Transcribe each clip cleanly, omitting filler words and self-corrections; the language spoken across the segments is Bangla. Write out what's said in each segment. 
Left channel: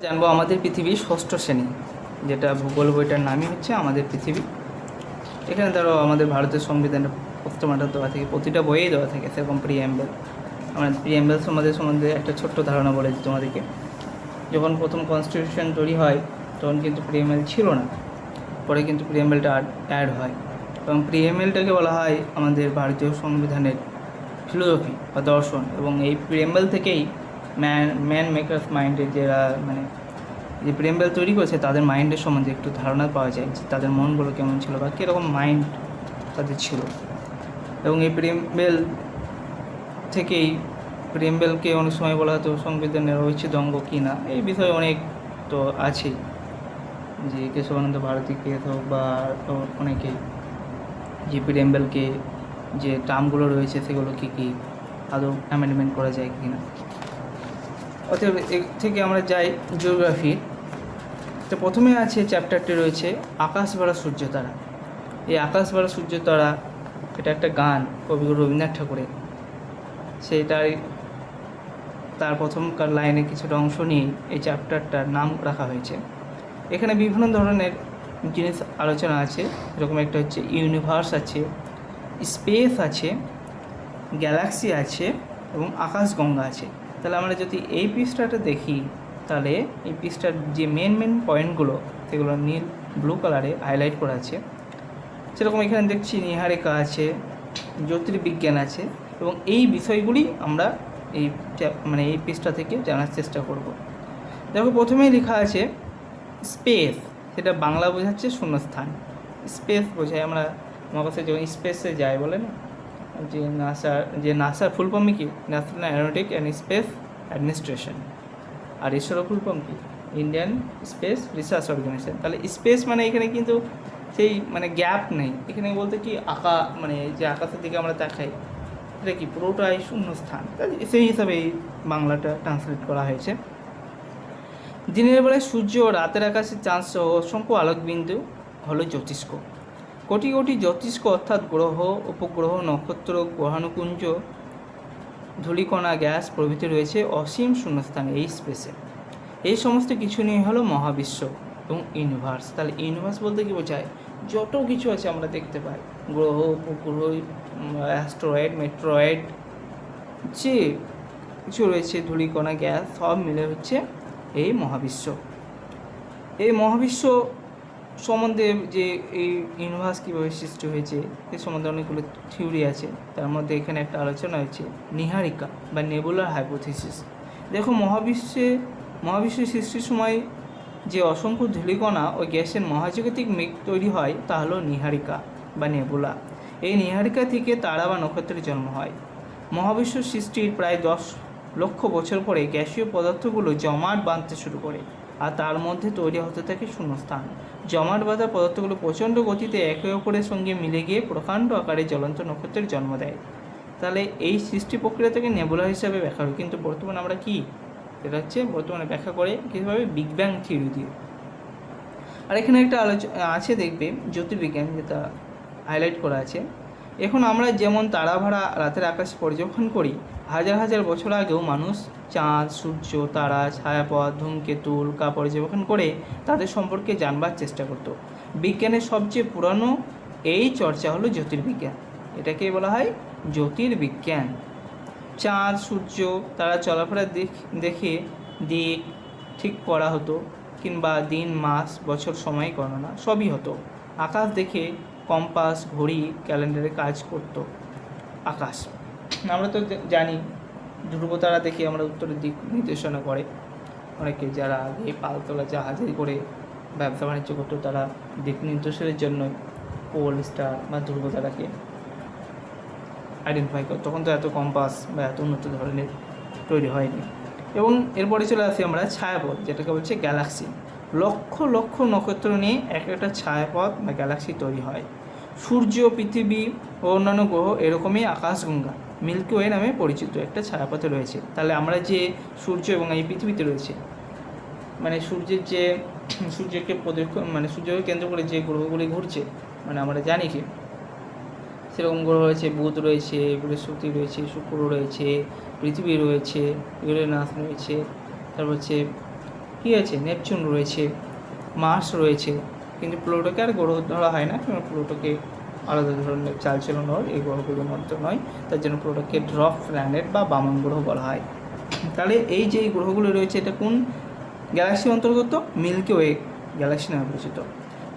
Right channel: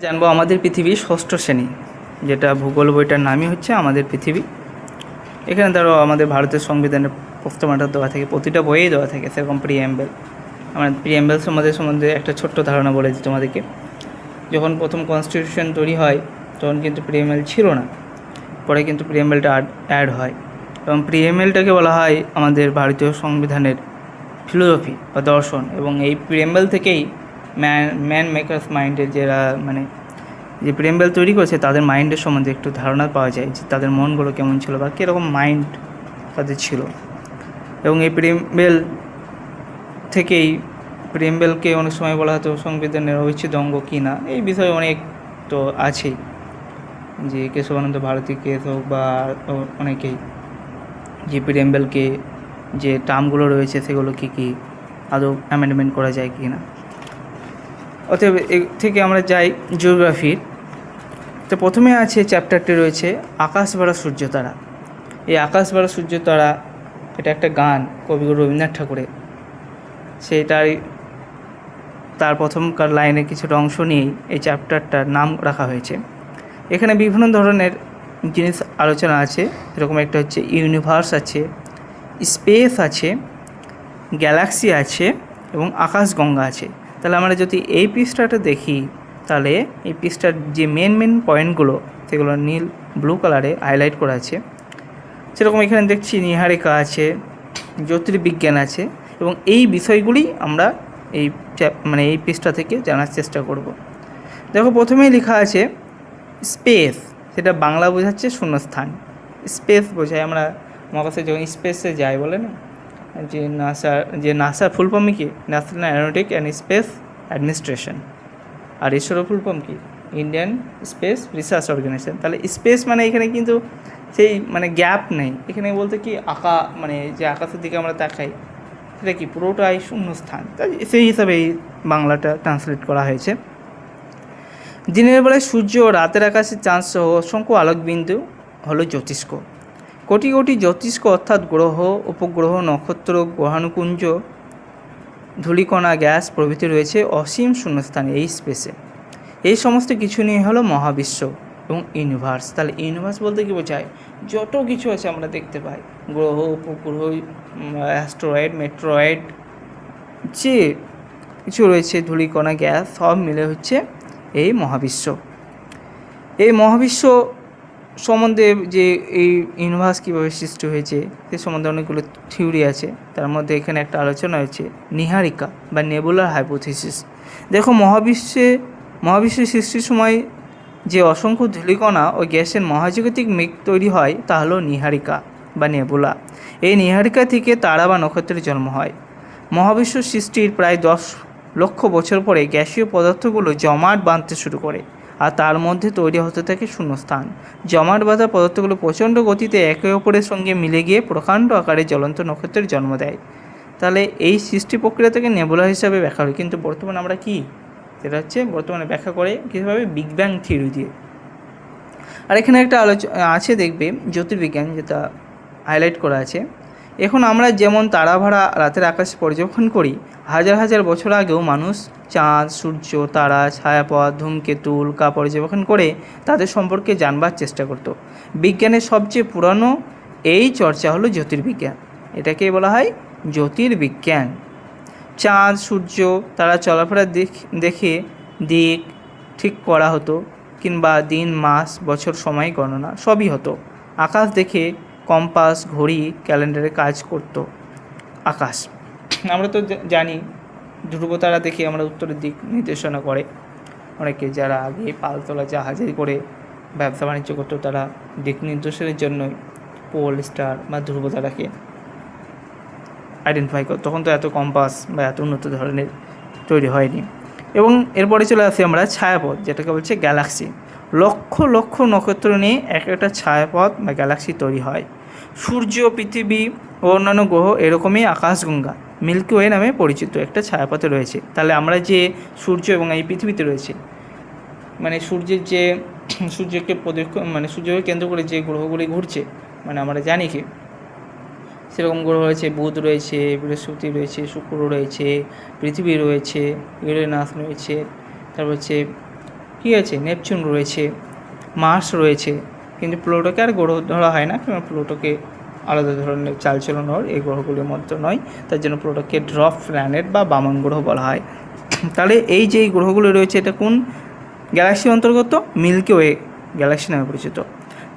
জানবো আমাদের পৃথিবী ষষ্ঠ শ্রেণী, যেটা ভূগোল বইটার নামই হচ্ছে আমাদের পৃথিবী। এখানে ধরো আমাদের ভারতের সংবিধানের পোস্টমার্টার দেওয়া থাকে, প্রতিটা বইয়েই দেওয়া থাকে সেরকম প্রিএমবেল। আমরা প্রিএমবেল সম্বন্ধে একটা ছোট্ট ধারণা বলেছি তোমাদেরকে। যখন প্রথম কনস্টিটিউশন তৈরি হয় তখন কিন্তু প্রিএমবেল ছিল না, পরে কিন্তু প্রিএমবেলটা অ্যাড হয়, এবং প্রিএমবেলটাকে বলা হয় আমাদের ভারতীয় সংবিধানের ফিলোসফি বা দর্শন। এবং এই প্রিএমবেল থেকেই ম্যান মেকার্স মাইন্ডের যারা যে প্রেমবেল তৈরি করেছে তাদের মাইন্ডের সম্বন্ধে একটু ধারণা পাওয়া যায়, যে তাদের মনগুলো কেমন ছিল বা কীরকম মাইন্ড তাদের ছিল। এবং এই প্রেমবেল থেকেই প্রেমবেলকে অনেক সময় বলা হতো সংবিধানের ঐচ্ছিক অঙ্গ কি না, এই বিষয়ে অনেক তো আছেই, যে কেশবানন্দ ভারতী কেস হোক বা অনেকেই যে প্রেমবেলকে যে টার্মগুলো রয়েছে সেগুলো কী কী আদৌ অ্যামেন্ডমেন্ট করা যায় কি না। অতএব এ থেকে আমরা যাই জিওগ্রাফির। তো প্রথমে আছে চ্যাপ্টারটি রয়েছে আকাশ ভরা সূর্য তারা। এই আকাশ ভরা সূর্য তারা এটা একটা গান কবিগুরু রবীন্দ্রনাথ ঠাকুরের, সেইটাই তার প্রথমকার লাইনের কিছুটা অংশ নিয়েই এই চ্যাপ্টারটার নাম রাখা হয়েছে। এখানে বিভিন্ন ধরনের জিনিস আলোচনা আছে, এরকম একটা হচ্ছে ইউনিভার্স আছে, স্পেস আছে, গ্যালাক্সি আছে এবং আকাশগঙ্গা আছে। তাহলে আমরা যদি এই পৃষ্ঠাটা দেখি, তাহলে এই পৃষ্ঠার যে মেন পয়েন্টগুলো সেগুলো নীল ব্লু কালারে হাইলাইট করা আছে। সেরকম এখানে দেখছি নীহারিকা আছে, জ্যোতির্বিজ্ঞান আছে, এবং এই বিষয়গুলি আমরা এই এই পৃষ্ঠা থেকে জানার চেষ্টা করব। দেখো প্রথমেই লেখা আছে স্পেস, সেটা বাংলা বোঝাচ্ছে শূন্যস্থান। স্পেস বোঝায় আমরা মহাকাশে যখন স্পেসে যাই বলে না, নাসার ফুল ফর্ম কি, national aeronautic and space administration. আর ইসরোর ফুল ফর্ম কি, ইন্ডিয়ান স্পেস রিসার্চ অর্গানাইজেশন। তাহলে স্পেস এখানে কিন্তু সেই গ্যাপ নেই, এখানে বলতে কি যে আকাশের দিকে আমরা তাকাই সেটা কি পুরোটাই শূন্যস্থান, তাই সেই হিসাবে এই বাংলাটা ট্রান্সলেট করা হয়েছে। দিনের বেলায় সূর্য ও রাতের আকাশে চাঁদ সহ অসংখ্য আলোকবিন্দু হলো জ্যোতিষ্ক। কোটি কোটি জ্যোতিষ্ক অর্থাৎ গ্রহ, উপগ্রহ, নক্ষত্র, গ্রহাণুপুঞ্জ, ধূলিকণা, গ্যাস প্রভৃতি রয়েছে অসীম শূন্যস্থানে এই স্পেসে। এই সমস্ত কিছু নিয়ে হলো মহাবিশ্ব এবং ইউনিভার্স। তাহলে ইউনিভার্স বলতে কী বোঝায়, যত কিছু আছে আমরা দেখতে পাই, গ্রহ, উপগ্রহ, অ্যাস্টেরয়েড, মেট্রয়েড, যে কিছু রয়েছে, ধূলিকণা, গ্যাস, সব মিলে হচ্ছে এই মহাবিশ্ব। এই মহাবিশ্ব সম্বন্ধে যে এই ইউনিভার্স কীভাবে সৃষ্টি হয়েছে সে সম্বন্ধে অনেকগুলো থিওরি আছে। তার মধ্যে এখানে একটা আলোচনা হয়েছে নীহারিকা বা নেবুলার হাইপোথিসিস। দেখো মহাবিশ্ব সৃষ্টির সময় যে অসংখ্য ধূলিকণা ও গ্যাসের মহাজাগতিক মেঘ তৈরি হয় তা হলো নীহারিকা বা নেবুলা। এই নীহারিকা থেকে তারা বা নক্ষত্রের জন্ম হয়। মহাবিশ্ব সৃষ্টির প্রায় 10 লক্ষ বছর পরে গ্যাসীয় পদার্থগুলো জমাট বাঁধতে শুরু করে, আর তার মধ্যে তৈরি হতে থাকে শূন্যস্থান। জমাট বাঁধা পদার্থগুলো প্রচণ্ড গতিতে একে অপরের সঙ্গে মিলে গিয়ে প্রকাণ্ড আকারে জ্বলন্ত নক্ষত্রের জন্ম দেয়। তাহলে এই সৃষ্টি প্রক্রিয়াটাকে নেবুলা হিসাবে ব্যাখ্যা হয়, কিন্তু বর্তমানে আমরা কি সেটা হচ্ছে বর্তমানে ব্যাখ্যা করে কীভাবে বিগ ব্যাং থিওরি দিয়ে। আর এখানে একটা আছে দেখবে জ্যোতির্বিজ্ঞান, যেটা হাইলাইট করা আছে। এখন আমরা যেমন তারাভরা রাতের আকাশে পর্যবেক্ষণ করি, হাজার হাজার বছর আগেও মানুষ চাঁদ, সূর্য, তারা, ছায়াপথ, ধূমকেতু, উল্কা পর্যবেক্ষণ করে তাদের সম্পর্কে জানবার চেষ্টা করত। বিজ্ঞানের সবচেয়ে পুরানো এই চর্চা হলো জ্যোতির্বিজ্ঞান। এটাকে বলা হয় জ্যোতির্বিজ্ঞান। চাঁদ, সূর্য, তারা চলাফেরা দেখে দিক ঠিক করা হতো, কিংবা দিন, মাস, বছর, সময় গণনা সবই হতো। আকাশ দেখে কম্পাস, ঘড়ি, ক্যালেন্ডারে কাজ করতো। আকাশ আমরা তো জানি, ধ্রুবতারা দেখে আমরা উত্তরের দিক নির্দেশনা করে। অনেকে যারা আগে পালতোলা জাহাজে করে ব্যবসা বাণিজ্য করতো, তারা দিক নির্দেশনের জন্যই পোল স্টার বা ধ্রুবতারাকে আইডেন্টিফাই করতো। তখন তো এত কম্পাস বা এত উন্নত ধরনের তৈরি হয়নি। এবং এরপরে চলে আসি আমরা ছায়াপথ, যেটাকে বলছে গ্যালাক্সি। লক্ষ লক্ষ নক্ষত্র নিয়ে একটা ছায়াপথ বা গ্যালাক্সি তৈরি হয়। সূর্য, পৃথিবী ও অন্যান্য গ্রহ এরকমই আকাশগঙ্গা মিল্কি ওয়ে নামে পরিচিত একটা ছায়াপথে রয়েছে। তাহলে আমরা যে সূর্য এবং এই পৃথিবীতে রয়েছে, সূর্যের যে সূর্যকে সূর্যকে কেন্দ্র করে যে গ্রহগুলি ঘুরছে, আমরা জানি কি সেরকম গ্রহ রয়েছে, বুধ রয়েছে, বৃহস্পতি রয়েছে, শুক্র রয়েছে, পৃথিবী রয়েছে, ইউরেনাস রয়েছে, তারপর হচ্ছে ঠিক আছে, নেপচুন রয়েছে, মার্স রয়েছে, কিন্তু প্লুটোকে আর গ্রহ ধরা হয় না, কারণ প্লুটোকে আলাদা ধরনের চালচলন এই গ্রহগুলির মধ্যে নয়, তার জন্য প্লুটোকে ড্রপ প্ল্যানেট বা বামন গ্রহ বলা হয়। তাহলে এই যে গ্রহগুলো রয়েছে এটা কোন গ্যালাক্সির অন্তর্গত? মিল্কি ওয়ে গ্যালাক্সি নামে পরিচিত।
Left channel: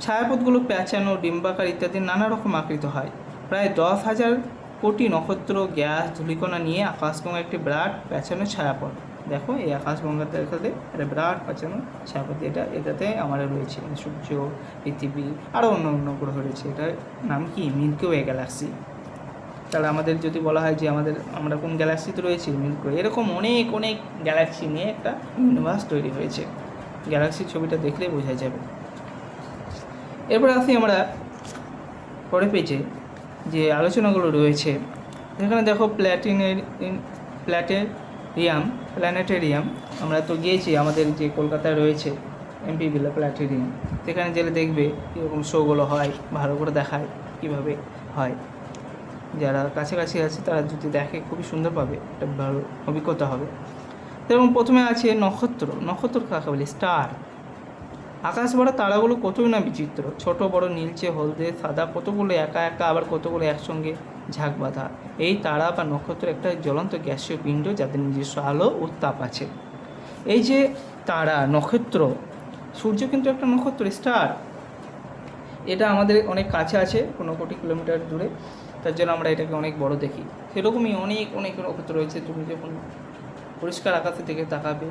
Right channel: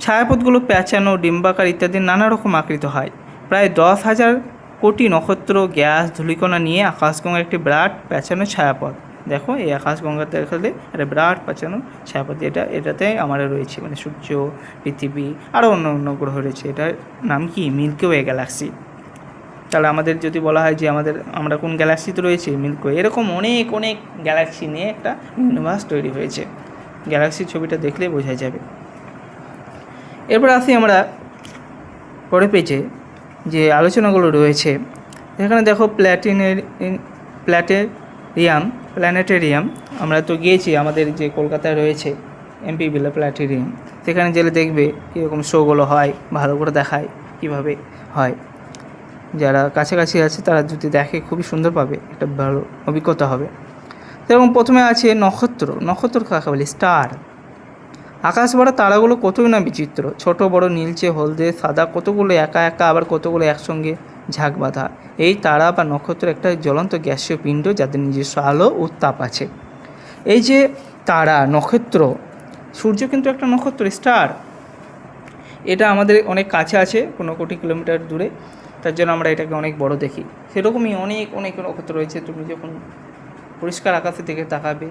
ছায়াপথগুলো প্যাঁচানো, ডিম্বাকার ইত্যাদি নানা রকম আকৃত হয়। প্রায় 10,000 কোটি নক্ষত্র, গ্যাস, ধূলিকণা নিয়ে আকাশগঙ্গার একটি বিরাট প্যাঁচানো ছায়াপথ। দেখো এই আকাশগঙ্গাতে দেখালে একটা বিরাট প্যাঁচানো ছায়াপথ, এটাতে আমরা রয়েছে, মানে সূর্য, পৃথিবী, আরও অন্য অন্য গ্রহ রয়েছে। এটার নাম কি? Milky Way galaxy. তাহলে আমাদের যদি বলা হয় যে আমরা কোন গ্যালাক্সিতে রয়েছে? Milky way. এরকম অনেক অনেক গ্যালাক্সি নিয়ে একটা ইউনিভার্স তৈরি হয়েছে। গ্যালাক্সির ছবিটা দেখলেই বোঝা যাবে। এরপর আসি আমরা পরের পেজে যে আলোচনাগুলো রয়েছে। এখানে দেখো প্ল্যানেটেরিয়াম আমরা তো গিয়েছি, আমাদের যে কলকাতায় রয়েছে এমপি বিলা প্ল্যানেটেরিয়াম, সেখানে গেলে দেখবে কীরকম শোগুলো হয়, ভালো করে দেখায় কীভাবে হয়। যারা কাছাকাছি আছে তারা যদি দেখে খুবই সুন্দর পাবে, একটা ভালো অভিজ্ঞতা হবে। এবং প্রথমে আছে নক্ষত্র কাকে বলি? স্টার। আকাশ ভরা তারাগুলো কতই না বিচিত্র, ছোট বড়, নীলচে, হলদে, সাদা, কতগুলো একা একা, আবার কতগুলো একসঙ্গে ঝাঁক বাঁধা। এই তারা বা নক্ষত্র একটা জ্বলন্ত গ্যাসীয় পিণ্ড, যাদের নিজস্ব আলো ও তাপ আছে। এই যে তারা, নক্ষত্র, সূর্য কিন্তু একটা নক্ষত্র, স্টার। এটা আমাদের অনেক কাছে আছে, 15 কোটি কিলোমিটার দূরে, তার জন্য আমরা এটাকে অনেক বড় দেখি। সেরকমই অনেক অনেক নক্ষত্র রয়েছে। তুমি যখন পরিষ্কার আকাশের দিকে তাকাবে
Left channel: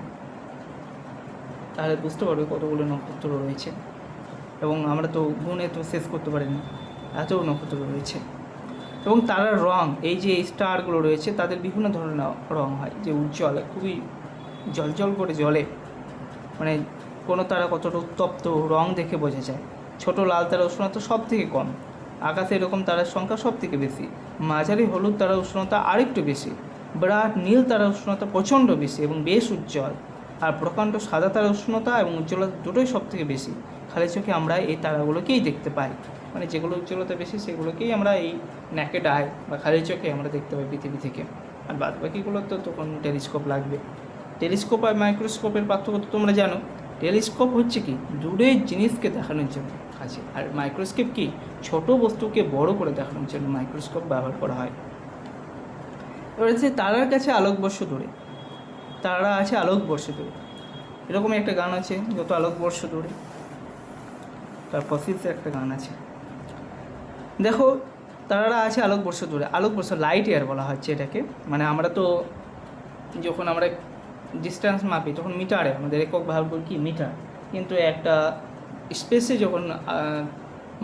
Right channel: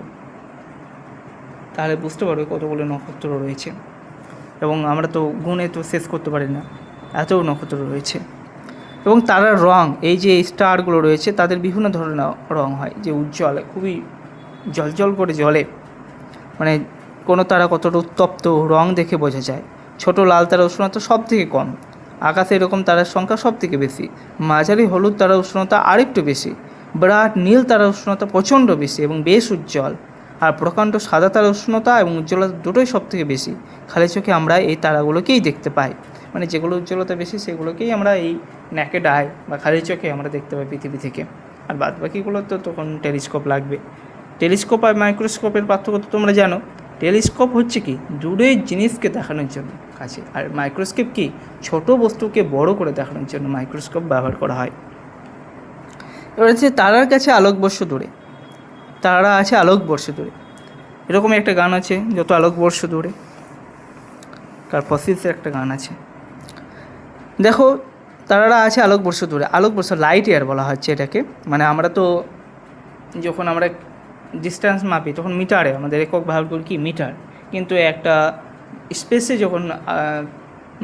তাহলে বুঝতে পারবে কতগুলো নক্ষত্র রয়েছে, এবং আমরা তো গুণে তো শেষ করতে পারি না, এত নক্ষত্র রয়েছে। এবং তারার রং, এই যে স্টারগুলো রয়েছে তাদের বিভিন্ন ধরনের রং হয়, যে উজ্জ্বল, খুবই জলজল করে জ্বলে, মানে কোনো তারা কতটা উত্তপ্ত রং দেখে বোঝা যায়। ছোট লাল তারা উষ্ণতা সব থেকে কম, আকাশে এরকম তারার সংখ্যা সব থেকে বেশি। মাঝারি হলুদ তারা উষ্ণতা আরেকটু বেশি। বিরাট নীল তারা উষ্ণতা প্রচণ্ড বেশি এবং বেশ উজ্জ্বল। আর প্রকাণ্ড সাদা তারা উষ্ণতা এবং উজ্জ্বলতা দুটোই সব থেকে বেশি। খালি চোখে আমরা এই তারাগুলোকেই দেখতে পাই, মানে যেগুলো উজ্জ্বলতা বেশি সেগুলোকেই আমরা এই ন্যাকেড আই বা খালি চোখে আমরা দেখতে পাই পৃথিবী থেকে। আর বাদ বাকিগুলো তো তখন টেলিস্কোপ লাগবে। টেলিস্কোপ আর মাইক্রোস্কোপের পার্থক্য তো তোমরা জানো। টেলিস্কোপ হচ্ছে কি দূরের জিনিসকে দেখানোর জন্য কাছে, আর মাইক্রোস্কোপ কি ছোট বস্তুকে বড় করে দেখানোর জন্য মাইক্রোস্কোপ ব্যবহার করা হয়। এবার হচ্ছে তারার কাছে আলোকবর্ষ দূরে, তারা আছে আলোকবর্ষ দূরে। এরকমই একটা গান আছে, যত আলোকবর্ষ দূরে, কার্পসিসের একটা গান আছে। দেখো তারারা আছে আলোকবর্ষ দূরে, আলোকবর্ষ লাইট ইয়ার বলা হচ্ছে এটাকে। মানে আমরা তো যখন আমরা ডিস্টেন্স মাপি তখন মিটারে, আমাদের একক ব্যবহার করি কি মিটার, কিন্তু একটা স্পেসে যখন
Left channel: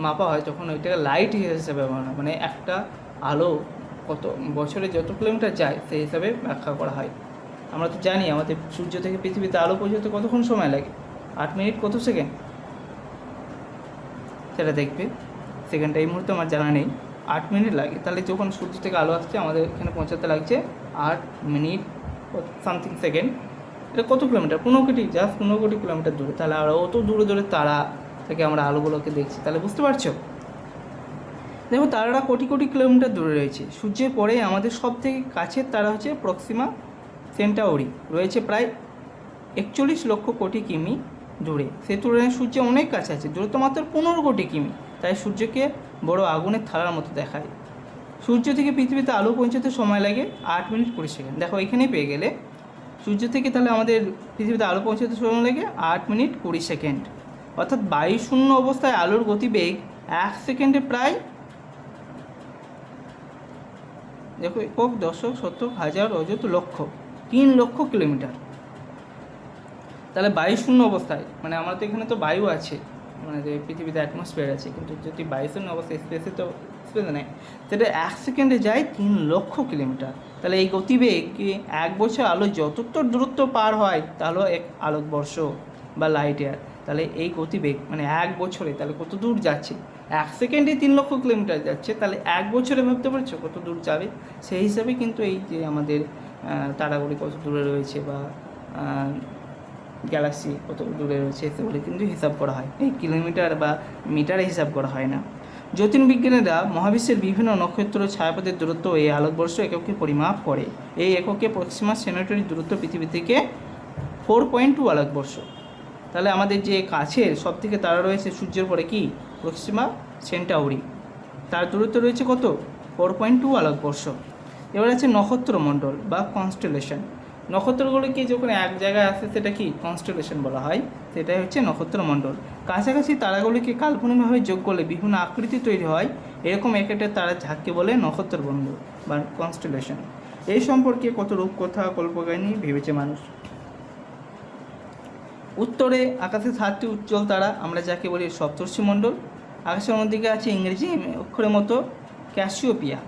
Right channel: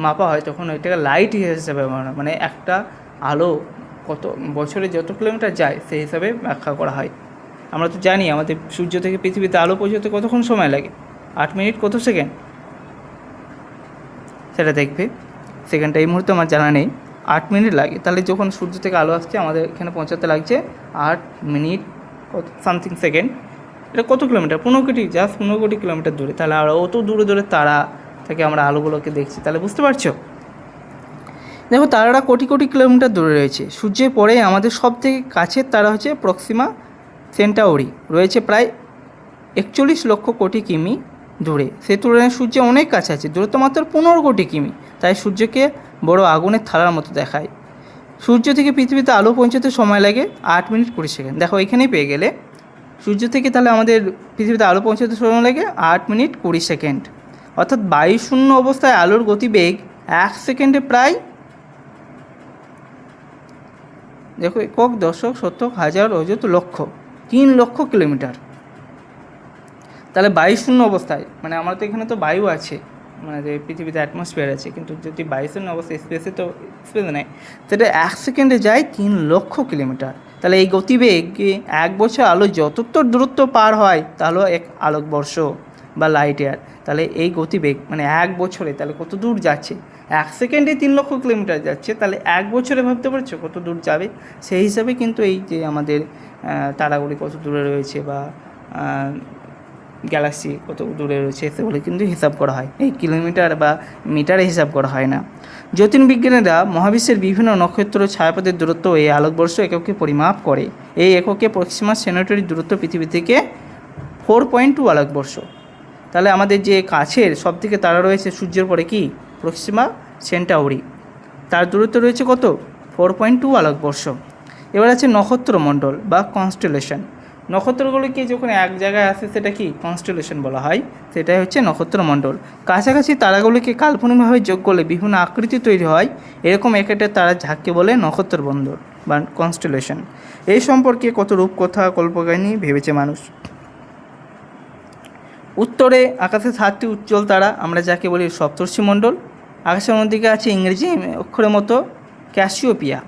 মাপা হয় তখন ওইটাকে লাইট ইয়ার হিসেবে ব্যবহার হয়। মানে একটা আলো কত বছরে যত কিলোমিটার যায় সেই হিসাবে ব্যাখ্যা করা হয়। আমরা তো জানি আমাদের সূর্য থেকে পৃথিবীতে আলো পৌঁছতে কতক্ষণ সময় লাগে? 8 মিনিট কত সেকেন্ড, সেটা দেখবে। সেকেন্ডটা এই মুহূর্তে আমার জানা নেই, 8 মিনিট লাগে। তাহলে যখন সূর্য থেকে আলো আসছে আমাদের এখানে পৌঁছাতে লাগছে 8 মিনিট কত সামথিং সেকেন্ড। এটা কত কিলোমিটার? 15 কোটি কিলোমিটার দূরে। তাহলে আমরা অত দূরে দূরে তারা থেকে আমরা আলোগুলোকে দেখছি, তাহলে বুঝতে পারছো? দেখো তারারা কোটি কোটি কিলোমিটার দূরে রয়েছে। সূর্যের পরে আমাদের সব থেকে কাছের তারা হচ্ছে প্রক্সিমা সেন্টাউরি, রয়েছে প্রায় 41 লক্ষ কোটি কিমি দূরে। সেই তুলনায় সূর্য অনেক কাছে আছে, দূরত্ব মাত্র 15 কোটি কিমি। তাই সূর্যকে বড় আগুনের থালার মতো দেখায়। সূর্য থেকে পৃথিবীতে আলো পৌঁছাতে সময় লাগে 8 মিনিট 20 সেকেন্ড। দেখো এখানেই পেয়ে গেলে, সূর্য থেকে তাহলে আমাদের পৃথিবীতে আলো পৌঁছাতে সময় লাগে 8 মিনিট 20 সেকেন্ড। অর্থাৎ বায়ুশূন্য অবস্থায় আলোর গতিবেগ 1 সেকেন্ডে প্রায়, দেখো একক, দশক, শতক, হাজার, অযুত, লক্ষ, 3 লক্ষ কিলোমিটার। তাহলে বায়ুশূন্য অবস্থায়, মানে আমরা তো এখানে তো বায়ু আছে, মানে পৃথিবীতে অ্যাটমসফিয়ার আছে, কিন্তু যদি বায়ুশূন্য অবস্থায় স্পেসে তো স্পেস নেই, সেটা 1 সেকেন্ডে যায় 3 লক্ষ কিলোমিটার। তাহলে এই গতিবেগে 1 বছর আলো যতদূর দূরত্ব পার হয় তাহলে 1 আলোকবর্ষ বা লাইট ইয়ার। তাহলে এই গতিবেগ মানে 1 বছরে তাহলে কত দূর যাচ্ছে? 1 সেকেন্ডে 3 লক্ষ কিলোমিটার যাচ্ছে, তাহলে 1 বছরে ভাবতে পারছো কত দূর যাবে? সেই হিসাবে কিন্তু এই যে আমাদের তারাগুলি কত দূরে রয়েছে বা গ্যালাক্সি কত দূরে রয়েছে সেগুলো কিন্তু হিসাব করা হয়, এই কিলোমিটার বা মিটারে হিসাব করা হয় না। জ্যোতির্বিজ্ঞানীরা মহাবিশ্বের বিভিন্ন নক্ষত্র ছায়াপথের দূরত্ব এই আলোকবর্ষ এককে পরিমাপ করে। এই এককে প্রক্সিমা সেন্টাউরি দূরত্ব পৃথিবী থেকে 4.2 আলোকবর্ষ। তাহলে আমাদের যে কাছের সবথেকে তারা রয়েছে সূর্যের পরে কি প্রক্সিমা সেন্টাউরি, তার দূরত্ব রয়েছে কত 4.2 আলোকবর্ষ। এবার আছে নক্ষত্রমণ্ডল বা কনস্টেলেশন। নক্ষত্রগুলিকে যখন এক জায়গায় আসে সেটা কি কনস্টেলেশন বলা হয়, সেটাই হচ্ছে নক্ষত্রমণ্ডল। কাছাকাছি তারাগুলিকে কাল্পনিকভাবে যোগ করলে বিভিন্ন আকৃতি তৈরি হয়, এরকম একটা তারা ঝাঁককে বলে নক্ষত্রমণ্ডল বা কনস্টেলেশন। এই সম্পর্কে কত রূপকথা কল্পকাহিনী ভেবেছে মানুষ। উত্তরে আকাশে 7টি উজ্জ্বল তারা, আমরা যাকে বলি সপ্তর্ষিমণ্ডল। আকাশের অন্যদিকে আছে ইংরেজি অক্ষরের মতো ক্যাসিওপিয়া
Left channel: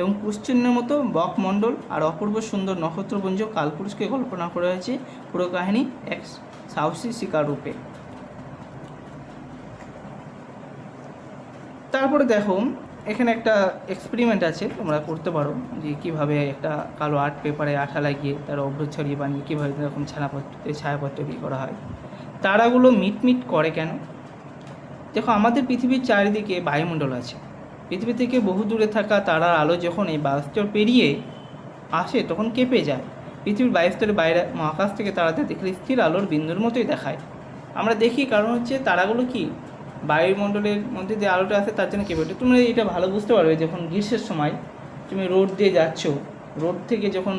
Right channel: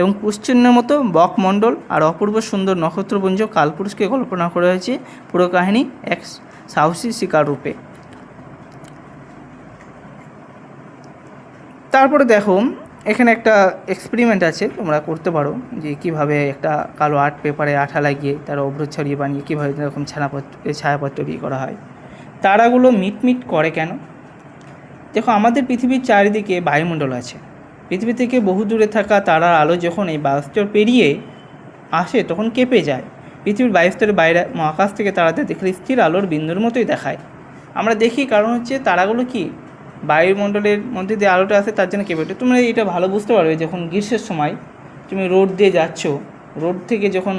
এবং কুশ্চিহ্নের মতো বকমণ্ডল, আর অপূর্ব সুন্দর নক্ষত্রপুঞ্জ কালপুরুষকে কল্পনা করা হয়েছে পুরো কাহিনী এক সাহসী শিকার রূপে। তারপরে দেখো এখানে একটা এক্সপেরিমেন্ট আছে, তোমরা করতে পারো যে কীভাবে একটা কালো আর্ট পেপারে আঠা লাগিয়ে তার অভ্র ছড়িয়ে বানিয়ে কীভাবে এরকম ছায়াপথ তৈরি করা হয়। তারাগুলো মিটমিট করে কেন? দেখো আমাদের পৃথিবীর চারিদিকে বায়ুমণ্ডল আছে, পৃথিবী থেকে বহু দূরে থাকা তারার আলো যখন এই বায়ুস্তর পেরিয়ে আসে তখন কেঁপে যায়। পৃথিবীর বায়ুস্তরের বাইরে মহাকাশ থেকে তারাতে দেখলে স্থির আলোর বিন্দুর মতোই দেখায়। আমরা দেখি কারণ হচ্ছে তারাগুলো কি বায়ুমণ্ডলের মধ্যে দিয়ে আলোটা আসে তার জন্য কেঁপে ওঠে। তোমরা এটা ভালো বুঝতে পারবে যখন গ্রীষ্মের সময় তুমি রোড দিয়ে যাচ্ছ, রোড থেকে যখন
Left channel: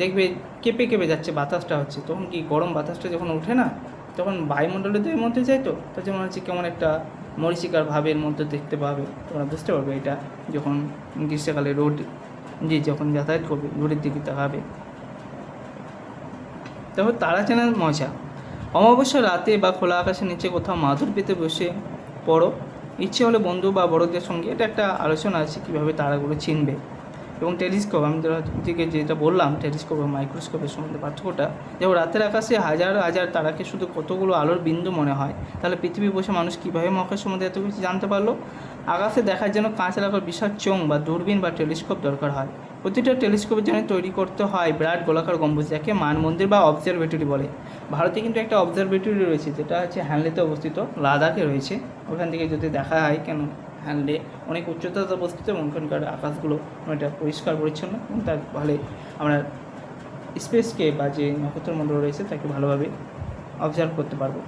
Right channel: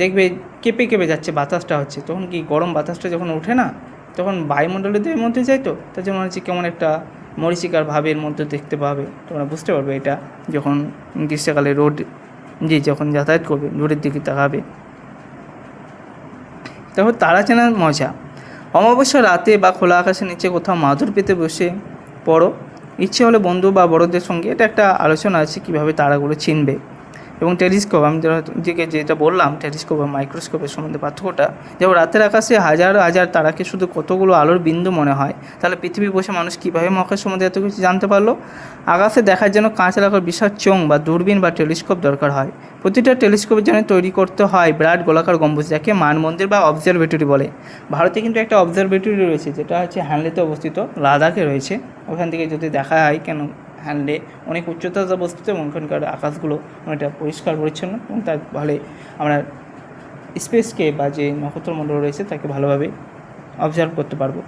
দেখবে কেঁপে কেঁপে যাচ্ছে বাতাসটা হচ্ছে, তখন কি গরম বাতাসটা যখন ওঠে না, তখন বায়ুমণ্ডলের মধ্যে যায়, তো তার জন্য হচ্ছে কেমন একটা মরীচিকার ভাবের মধ্যে দেখতে পাবে। তোমরা বুঝতে পারবে এটা যখন গ্রীষ্মকালে রোড যে যখন যাতায়াত করবে রোডের দিকে তাকাবে। তারপর তারা চেনার মজা। অমাবস্যা রাতে বা খোলা আকাশের নিচে কোথাও মাদুর পেতে বসে পড়ো, ইচ্ছে হলে বন্ধু বা বড়দের সঙ্গে। এটা একটা আলোচনা আছে কীভাবে তারাগুলো চিনবে। এবং টেলিস্কোপ, আমি যেটা বললাম টেলিস্কোপ বা মাইক্রোস্কোপের সম্বন্ধে পার্থক্যটা, যেমন রাতের আকাশে হাজার হাজার তারাকে শুধু কতগুলো আলোর বিন্দু মনে হয়, তাহলে পৃথিবী বসে মানুষ কীভাবে মহাকাশ সম্বন্ধে এত কিছু জানতে পারলো? আকাশে দেখার জন্য কাঁচ লাগার বিশাল চোঙ বা দূরবীন বা টেলিস্কোপ দরকার হয়। প্রতিটা টেলিস্কোপের জন্য তৈরি করতে হয় বিরাট গোলাকার গম্বুজ, যাকে মানমন্দির বা অবজারভেটরি বলে। ভারতে কিন্তু একটা অবজারভেটরি রয়েছে যেটা হচ্ছে হ্যানলেতে অবস্থিত, লাদাখে রয়েছে। ওখান থেকে যদি দেখা হয় কেন হ্যান্ডে অনেক উচ্চতাতে অবস্থিত এবং ওখানকার আকাশগুলো অনেকটা পরিষ্কার পরিচ্ছন্ন এবং তার ফলে আমরা স্পেসকে বা যে নক্ষত্রমণ্ডল রয়েছে তাকে ভালোভাবে অবজার্ভ করতে পারবো।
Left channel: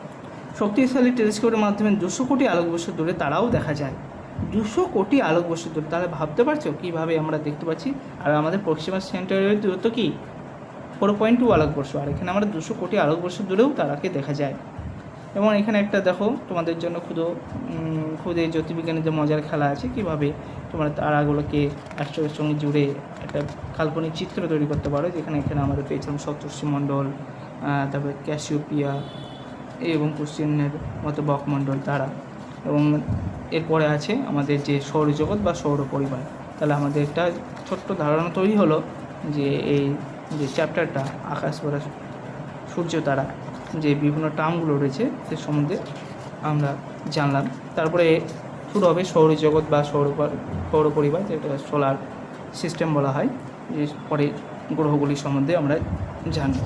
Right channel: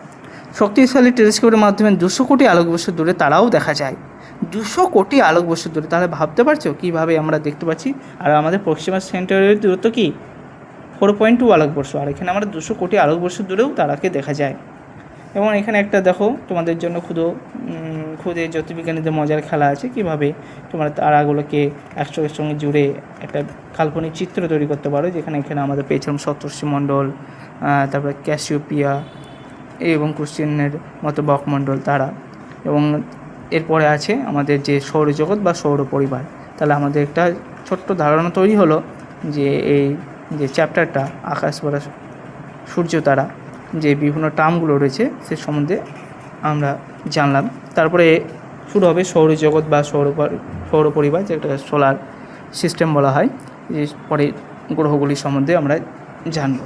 শক্তিশালী টেলিস্কোপের মাধ্যমে 200 কোটি আলোকবর্ষ দূরে তারাও দেখা যায়। 200 কোটি আলোকবর্ষ দূরে, তাহলে ভাবতে পারছো কীভাবে আমরা দেখতে পাচ্ছি। আর আমাদের প্রক্সিমা সেন্টারের দূরত্ব কি 4.2 আলোকবর্ষ, আর এখানে আমরা 200 কোটি আলোকবর্ষ দূরেও তারাকে দেখা যায়। এবং এখানে একটা দেখো তোমাদের জন্য খুদে জ্যোতির্বিজ্ঞানীদের মজার খেলা আছে, কীভাবে তোমরা তারাগুলোকে একসঙ্গে সঙ্গে জুড়ে একটা কাল্পনিক চিত্র তৈরি করতে পারো। এখানে আমাদের পেয়েছিলাম সপ্তর্ষিমণ্ডল, তারপরে ক্যাসিওপিয়া এবং কুশ্চিহ্নের মতো বকমণ্ডল তারা, এবং এরপরে আছে আমাদের যে সৌরজগৎ বা সৌর পরিবার। তাহলে আমাদের একটা ছোট্ট ধারণা তৈরি হলো যে এই যে চ্যাপ্টারটা আকাশ বা সূর্য তারা যে বিভিন্ন টার্মগুলো রয়েছে সে সম্বন্ধে আমরা জানলাম। তারপরে শুরু হবে সৌরজগৎ বা সৌর পরিবার, যেটা সোলার সিস্টেম বলা হয়, যে পরে গ্রহগুলি সম্বন্ধে আমরা জানব।